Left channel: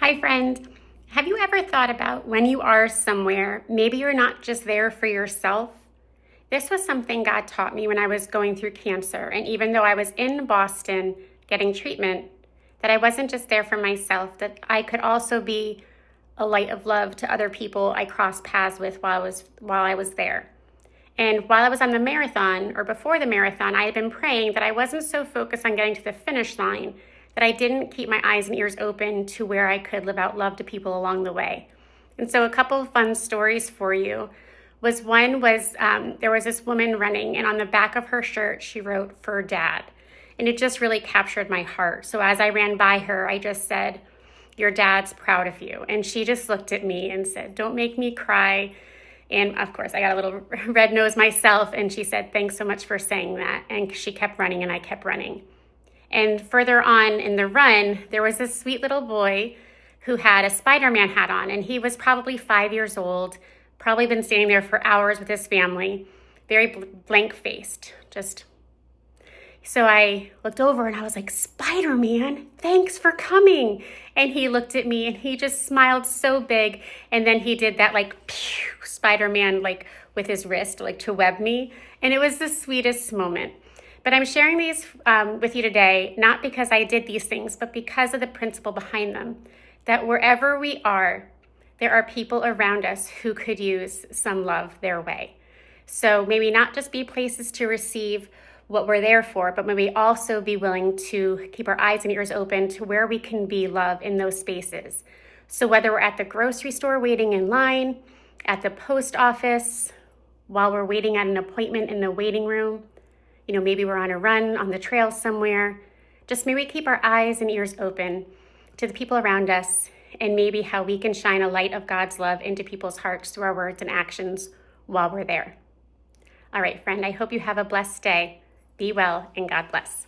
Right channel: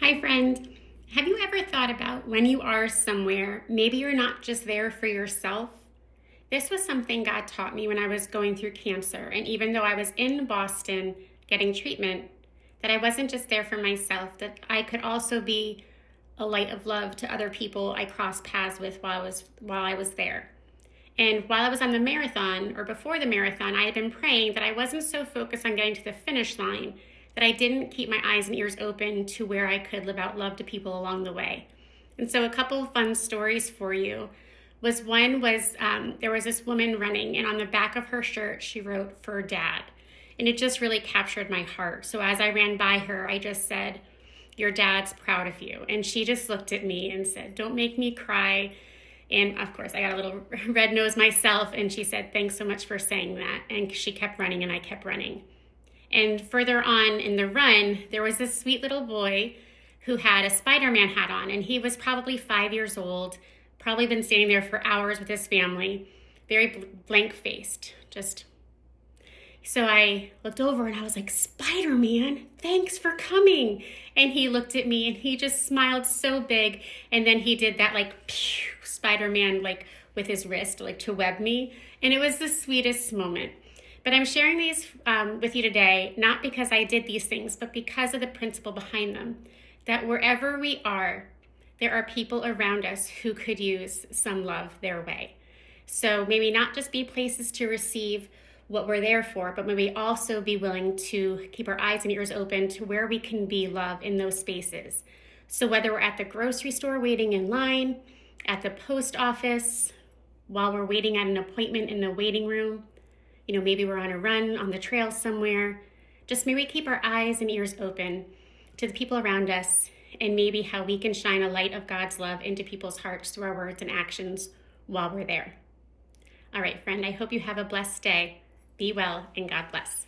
Hi, friend. Have you ever thought about when you are somewhere, maybe you're not just there for yourself? This was something God taught me when I was going through cancer. And even though I was in Boston getting treatment, that I wasn't just there for myself, that I could also be a light of love to other people I crossed paths with while I was there. And while I was on the marathon, or before the marathon, I had been praying that I wasn't so focused on getting to the finish line that I didn't keep my eyes and ears open to where I could live out love to people along the way. And so a couple of fun stories for you there was this woman running, and on the back of her shirt, she wrote, "For Dad." And it just really captured my heart. So as I ran by her, I just said, "Your dad's proud of you." And she just looked at me and said, "Don't make me cry." And of course, I got a little red nose myself. And she said, "Thanks so much for saying that." And she kept running, and I kept running. And further on in the run, there was this sweet little boy who had a Spider-Man hat on. And he was probably 5 years old, probably been standing there for hours with his family, very blank faced, just. So I looked over and I was like, "Spider-Man, thanks for coming." And he looked at me and he just smiled so big. And then he did that like pew, Spider-Man, like with his wrist, like to web me. And it was the sweetest moment. But I'm sharing these with you today, not because I did these things, but because of the principle behind them. That wherever we are, there are people around us who could use some love their way. So maybe not just be places to receive what we're there for, but maybe also be willing to keep our eyes and ears open to where we can be love in those spaces. So whether we're at the grocery store waiting in line, at the post office, while we're waiting at an appointment in the waiting room, maybe we're on a run on the trail somewhere, just maybe keep our eyes and ears open to the people around us and maybe how we can shine a light of God's love into people's hearts through our words and actions while we're there. All right, friend, I hope you have a blessed day. Be well, and God bless.